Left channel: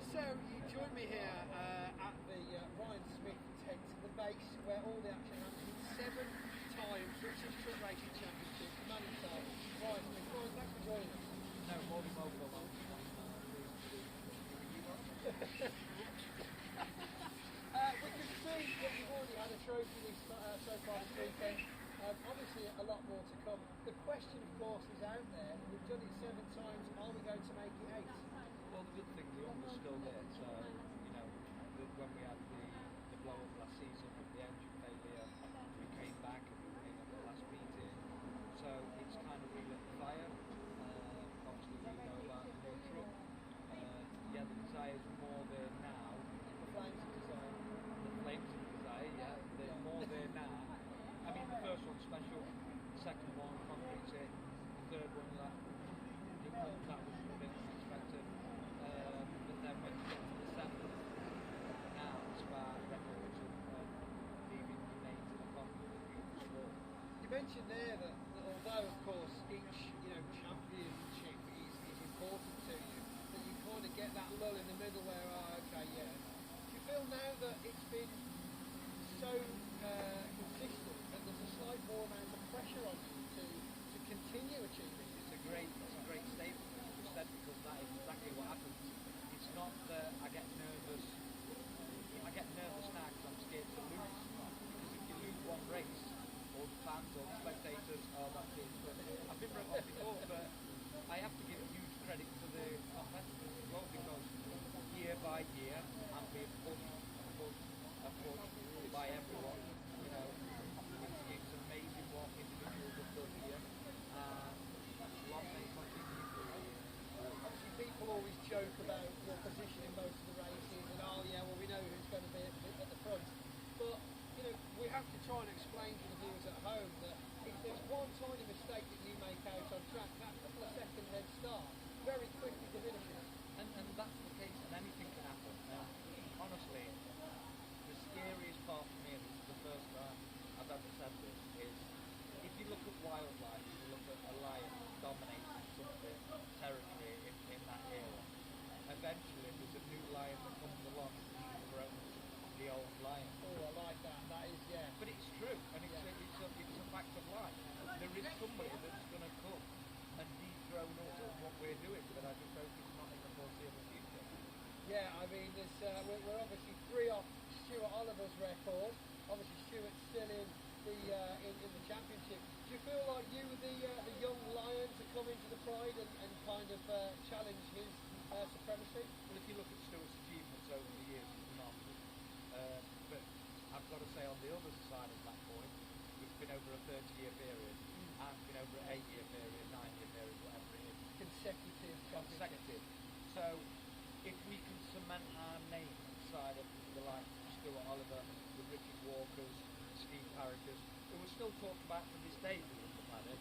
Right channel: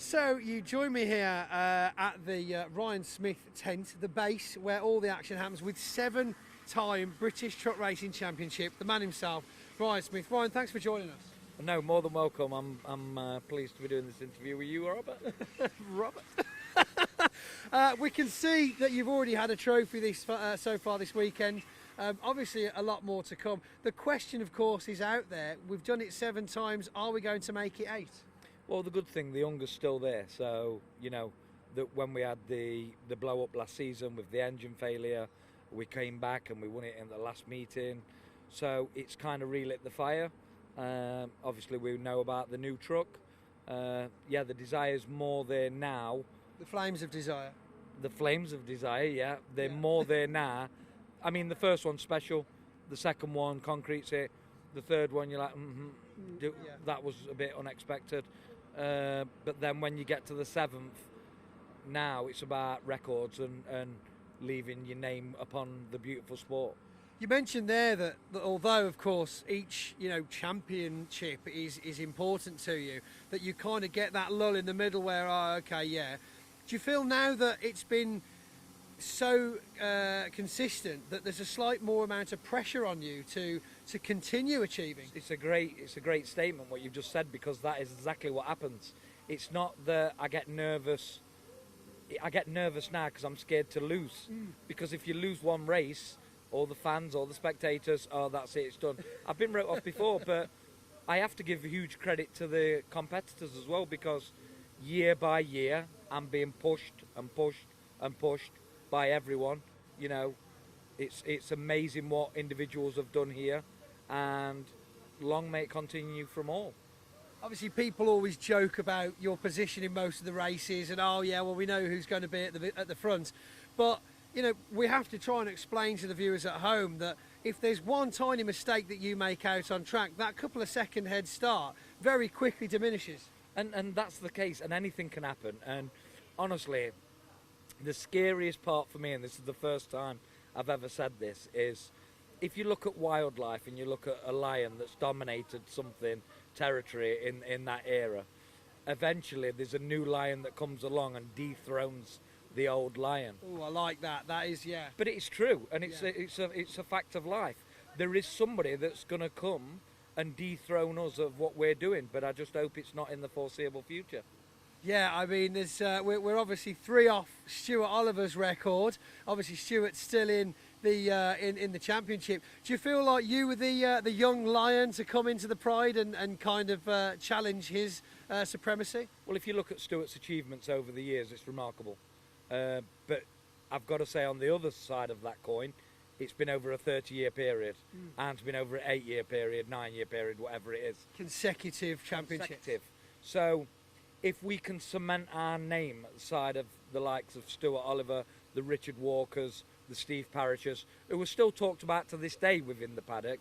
So you join me here at the Ryan Smith tent, the base where all the action happens, with seven-time British Truck Racing Championship, the man himself, Ryan Smith. Ryan, thanks for joining us. No, more than welcome. I'm pleased to be doing this interview with you, Robert. Robert. We can see that you've already had a trophy so far this weekend. Obviously, a lot more to come. The question, of course, is out there. We've done it 7 times. Are we going to make it 8? Well, the good thing, the hunger's still there. So, you know, that when we had the blow up last season with the engine failure, we came back and we won it in the last meeting. So it's kind of relit the fire. Obviously, we know about the new truck. Yeah, the desire's more there now. The flames of desire. The flames of desire, yeah, they're more there now. I mean, the first one's special. The second one, concrete's it. The third one, you're like, that was a bit unexpected. But then when you get to the 7th, now it's about records and leaving your name upon the beautiful sport. You mentioned there that although, of course, each championship is important to you, that you kind of get that lull in the middle where, do you feel now that it's been so consistent that there's a slight more amount of pressure on you to continue achieving? It's a great statement what you've just said, because that is exactly what happens. It's not that I get nervous. I get nervous now because I'm scared to lose. Because if you lose one race, all the fans, all the spectators, oh, that's it, it's done. I've been wrote off before, but I have to give huge credit to the competitors as well, because year by year I'm being pushed and pushed and pushed by everyone. You know, it's amazing what individuals have done here, and long may it continue from all. Obviously, people always joke about your position in most of the races, and we know who's going to be at the front, but you know, we have to try and explain to the viewers at home that if there's one tiny mistake that you make out on track, that couple of second head start very quickly diminishes. And that's the case, and anything can happen. And honestly, the scariest part for me, and this is the first time I've ever said this, is if you look at wildlife and you look at a lion that's dominated something, territory in that era, eventually there's a new lion that comes along and dethrones the old lion. Oh, I like that. That is, yeah. But it's true, and it's a fact of life. There is somebody that's going to come and dethrone us of what we're doing, but I just hope it's not in the foreseeable future. Yeah, I mean, we're obviously 3 off Stuart Oliver's record. Obviously, Stuart's still in the championship. Do you feel like you were the young lion to come into the Pride and kind of challenge his supremacy? Well, if you look at Stuart's achievements over the years, it's remarkable. But I've got to say, on the other side of that coin, it's been over a 30-year period, and it's been over an 8-year period, 9-year period, whatever it is. Consecutive championships. So if we can cement our name at the side of the likes of Stuart Oliver, the Richard Walkers, the Steve Parishes, who are still talked about to this day within the paddock,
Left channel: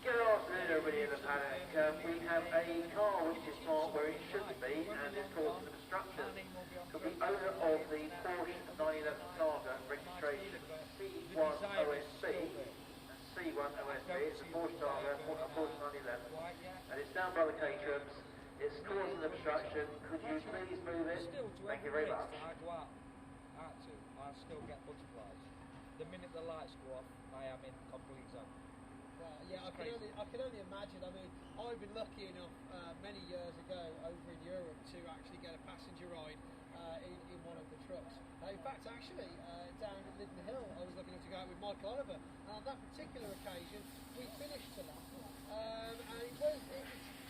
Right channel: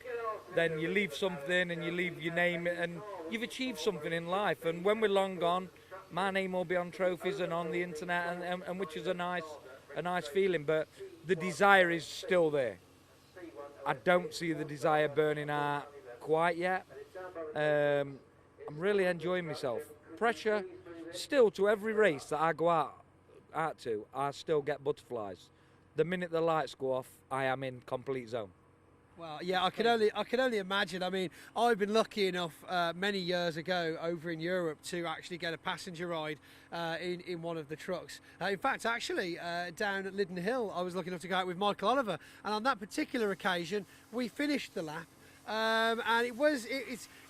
then you leave something and you leave your name, and you've achieved something in life. And when we're long gone, my name will be on trophies and on the internet, and which is a nice feeling. But the desire is still there. I don't see the desire burning out quite yet. I'm really enjoying myself. Pressure still to every race that I go out to, I still get butterflies. The minute the lights go off, I am in complete zone. Well, yeah, I can only imagine. I mean, I've been lucky enough many years ago over in Europe to actually get a passenger ride in one of the trucks. In fact, actually, down at Lydden Hill, I was lucky enough to go out with Michael Oliver, and on that particular occasion, we finished the lap, and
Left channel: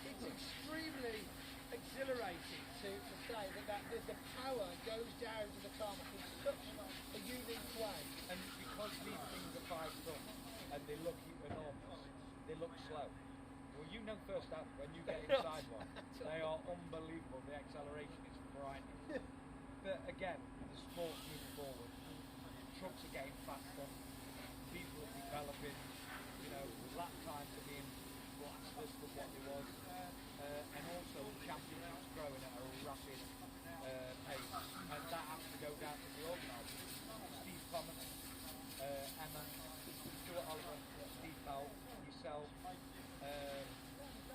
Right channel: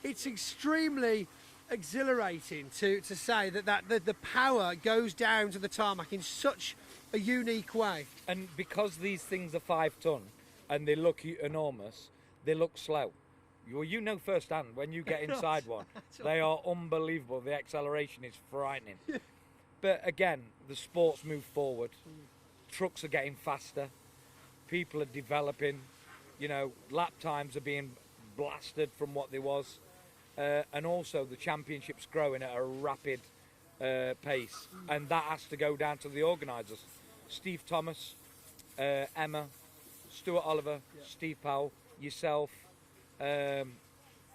it's extremely exhilarating to say that the power goes down to the tarmac in such a unique way. And because these things are 5 ton and they look enormous, they look slow. Well, you know firsthand when you get inside one, they are unbelievable. The acceleration is frightening. But again, the sport's moved forward. Trucks are getting faster. People are developing. You know, lap times are being blasted from what they was. And also the championship's growing at a rapid pace, and that has to go down to the organisers. Steve Thomas, Emma, Stuart Oliver, Steve Powell, yourself,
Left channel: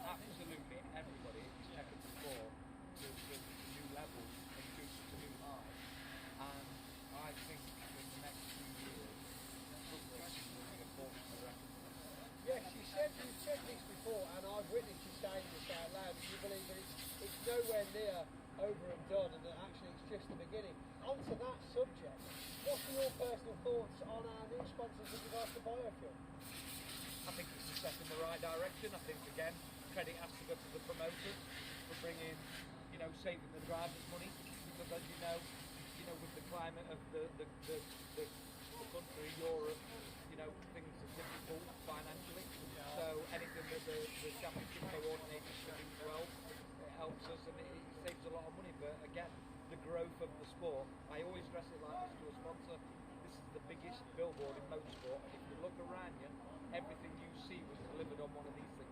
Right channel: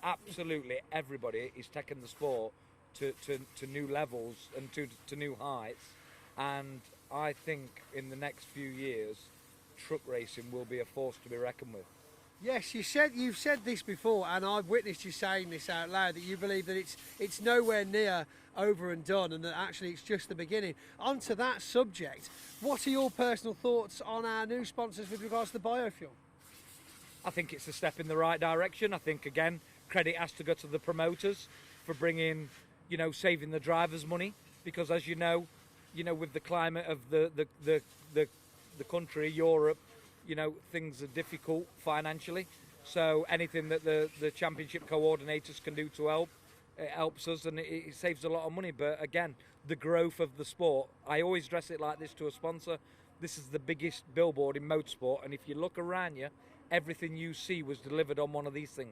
absolutely everybody is taking the sport to new levels and to new heights. And I think in the next few years, truck racing will be a force to be reckoned with. Yes, you've said this before, and I've witnessed you saying this out loud, that you believe that it's nowhere near over and done, and that actually it's just the beginning. Onto that subject, what are your personal thoughts on our new sponsors with regards to the biofuel? I think it's a step in the right direction. I think, again, credit has to go to the promoters for bringing, saving the drivers money, because as you know, with the climate of the country, Europe, things are difficult financially. So anything that the championship coordinators can do to help, it helps us, and it saves a lot of money. But again, the growth of the sport, I always dress it like this to a sponsor. This is the biggest billboard in motorsport, and if you look around you, everything you see was delivered on one of these things.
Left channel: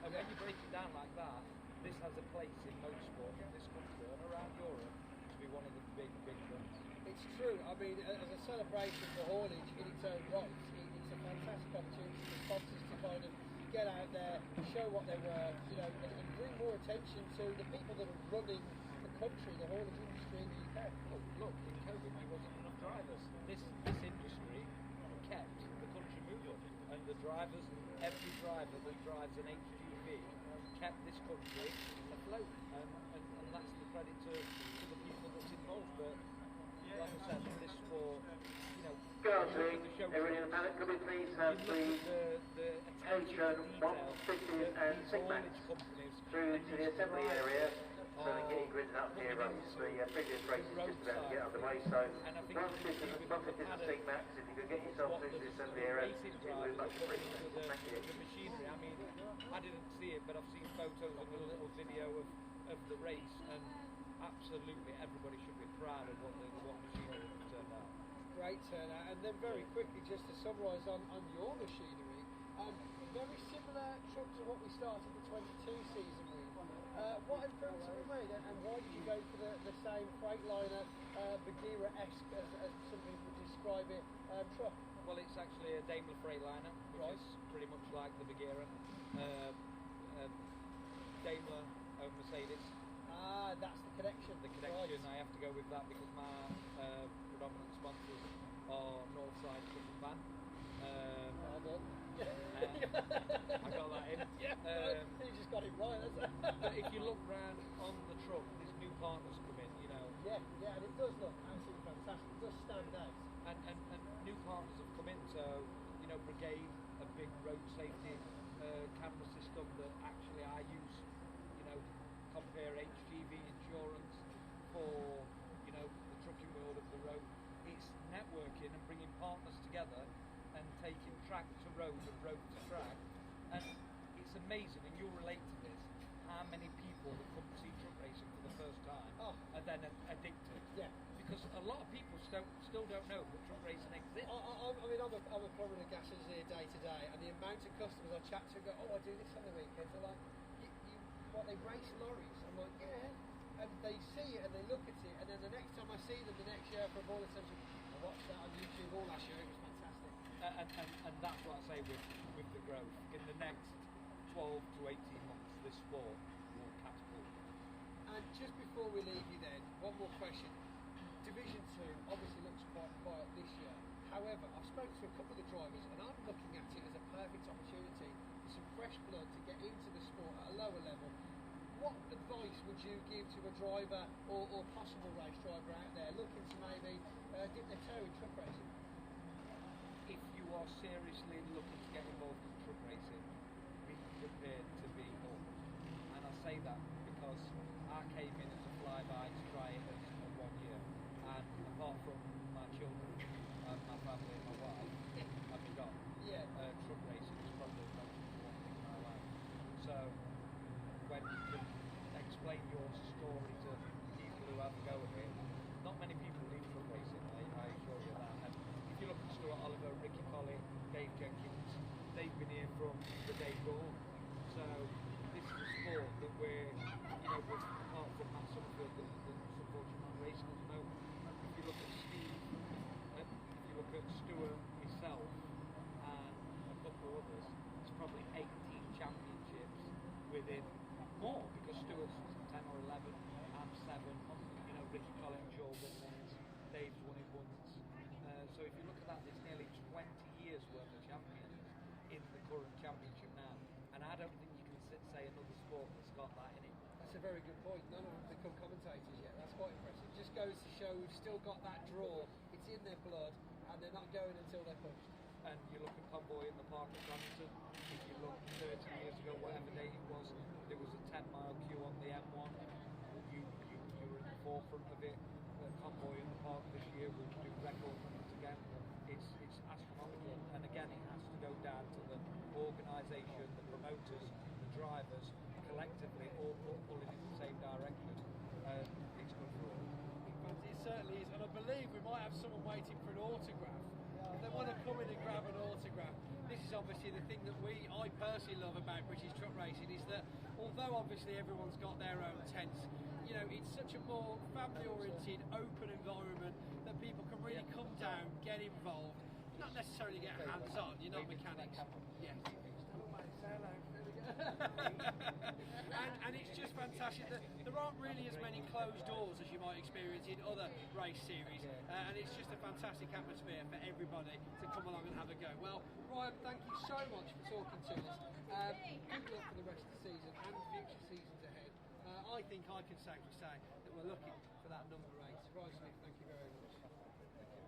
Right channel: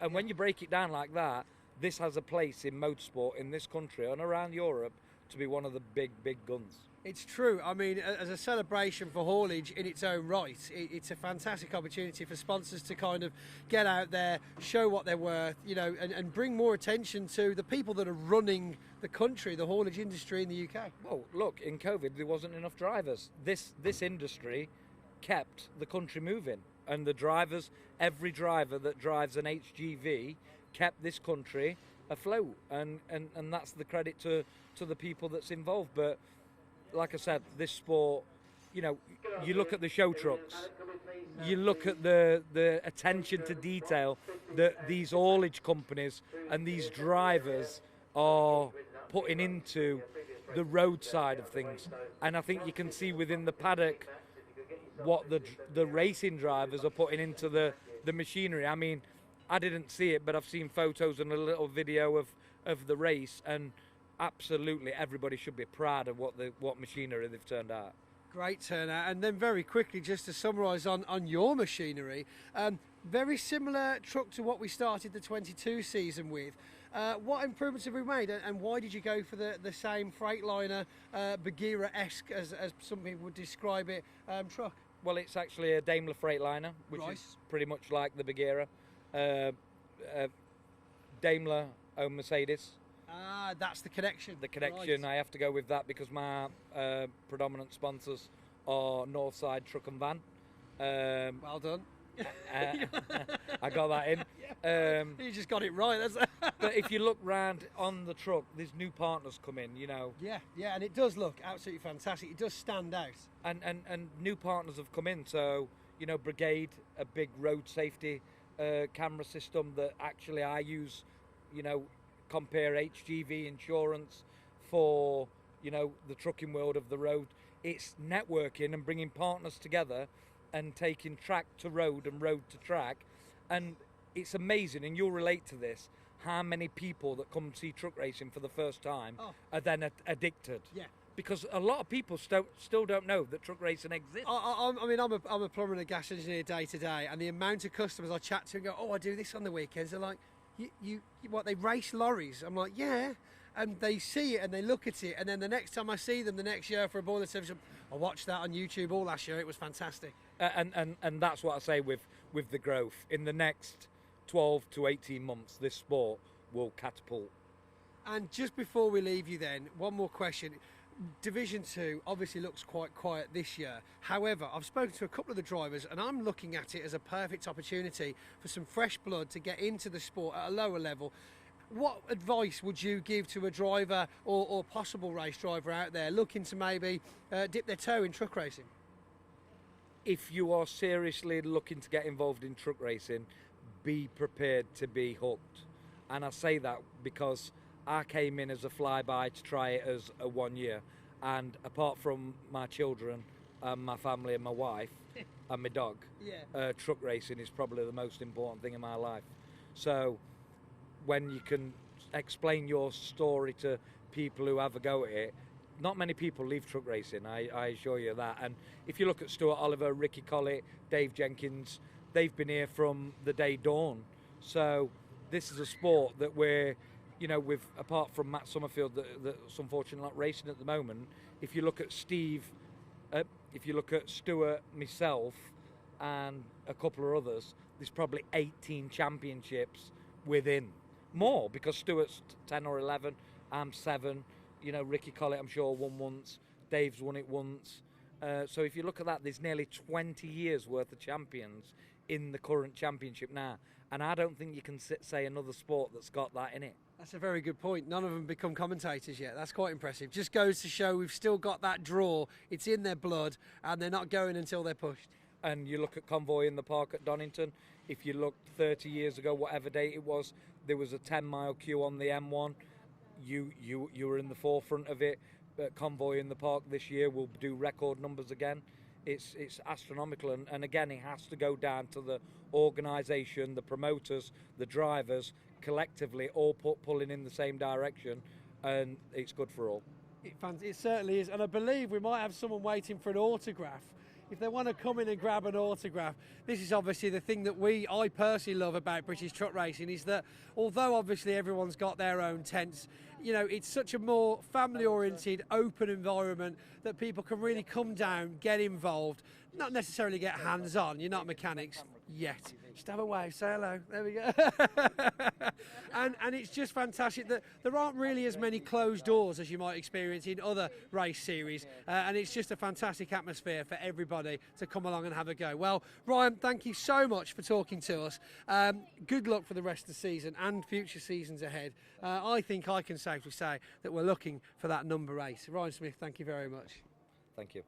And when you break it down like that, this has a place in motorsport in this country and around Europe to be one of the big guns. It's true. I mean, as a celebration for haulage in its own right, it's a fantastic opportunity for sponsors to kind of get out there, show what they're worth, and bring more attention to the people that are running the country, the haulage industry in the UK. Well, look, in COVID there wasn't enough drivers. This industry kept the country moving, and the drivers, every driver that drives an HGV kept this country afloat, and that's the credit to the people that's involved. But like I said, this sport, you look at the show trucks, you look at the attention to detail that these haulage companies and these drivers are putting into the road side of things. And I think you can see within the paddock what the racing drivers are putting into the machinery. I mean, I didn't see it, but I've seen photos and a little video of the race, and absolutely everybody should be proud of what machinery they've turned out. Great turnout. And then very quickly, just to summarise on your machinery, very similar truck to what we started the 22 season with. What improvements have we made, and why did you go for the same Freightliner, Bagheera-esque, as some people would describe it, truck? Well, it's actually a Daimler Freightliner, which is pretty much like the Bagheera. Daimler own Mercedes. That's the connection. The connection, right. I have to go with that because my predominant sponsors are Northside Truck and Van. Well done. I got that in. You just got it right. But if you look round on the truck, there's new partners come in, Yeah, and it does look absolutely fantastic. It does stand out. And new partners have come in. So, Brigade, a big road safety camera system that actually I use, compare HGV insurance for, the trucking world of the road. It's networking and bringing partners together and taking track to road and road to track. And it's amazing, and you'll relate to this, how many people that come see truck racing for the first time are then addicted. Yeah. Because a lot of people still don't know that truck racing exists. I'm a plumber and a gas engineer day to day, and the amount of customers I chat to and go, "Oh, I do this on the weekends." They're like, "You what? They race lorries?" I'm like, "Yeah," and they see it and they look at it, and then the next time I see them the next year for a boiler service, I watched that on YouTube all last year. It was fantastic. And that's what I say with the growth in the next 12 to 18 months. This sport will catapult. And just before we leave you, then one more question. Division 2 obviously looks quite quiet this year. However, I've spoken to a couple of the drivers and I'm looking at it as a perfect opportunity for some fresh blood to get into the sport at a lower level. What advice would you give to a driver or possible race driver out there looking to maybe dip their toe in truck racing? If you are seriously looking to get involved in truck racing, be prepared to be hooked. And I say that because I came in as a flyby to try it as a 1 year, and apart from my children and my family and my wife and my dog, truck racing is probably the most important thing in my life. So when you can explain your story to people who have a go at it, not many people leave truck racing, I assure you that. And if you look at Stuart Oliver, Ricky Collett, Dave Jenkins, they've been here from the day dawn. So this is a sport that we're, with, apart from Matt Summerfield that's unfortunately not racing at the moment, if you look at Steve, if you look at Stuart, myself, and a couple of others, there's probably 18 championships within more, because Stuart's 10 or 11, I'm 7. You know, Ricky Collett, I'm sure, won once. Dave's won it once. So if you look at that, there's nearly 20 years worth of champions in the current championship now. And I don't think you can say another sport that's got that in it. That's a very good point. None of them become commentators yet. That's quite impressive. Just goes to show we've still got that draw. It's in their blood, and they're not going until they're pushed. And you look at Convoy in the park at Donington. If you look 30 years ago, whatever date it was, there was a 10-mile queue on the M1. You were in the forefront of it. Convoy in the park this year will do record numbers again. It's astronomical, and again, it has to go down to the organisation, the promoters, the drivers, collectively all pulling in the same direction, and it's good for all. It certainly is, and I believe we might have someone waiting for an autograph. If they want to come in and grab an autograph, this is obviously the thing that I personally love about British truck racing, is that although obviously everyone's got their own tents, you know, it's such a more family-oriented, open environment that people can really come down, get involved, not necessarily get hands-on. You're not mechanics yet. Just have a wave, say hello. There we go. and it's just fantastic that there aren't really as many closed doors as you might experience in other race series, and it's just a fantastic atmosphere for everybody to come along and have a go. Well, Ryan, thank you so much for talking to us. Good luck for the rest of the season and future seasons ahead. I think I can safely say that we're looking for that number 8. Ryan Smith, thank you very much. Thank you.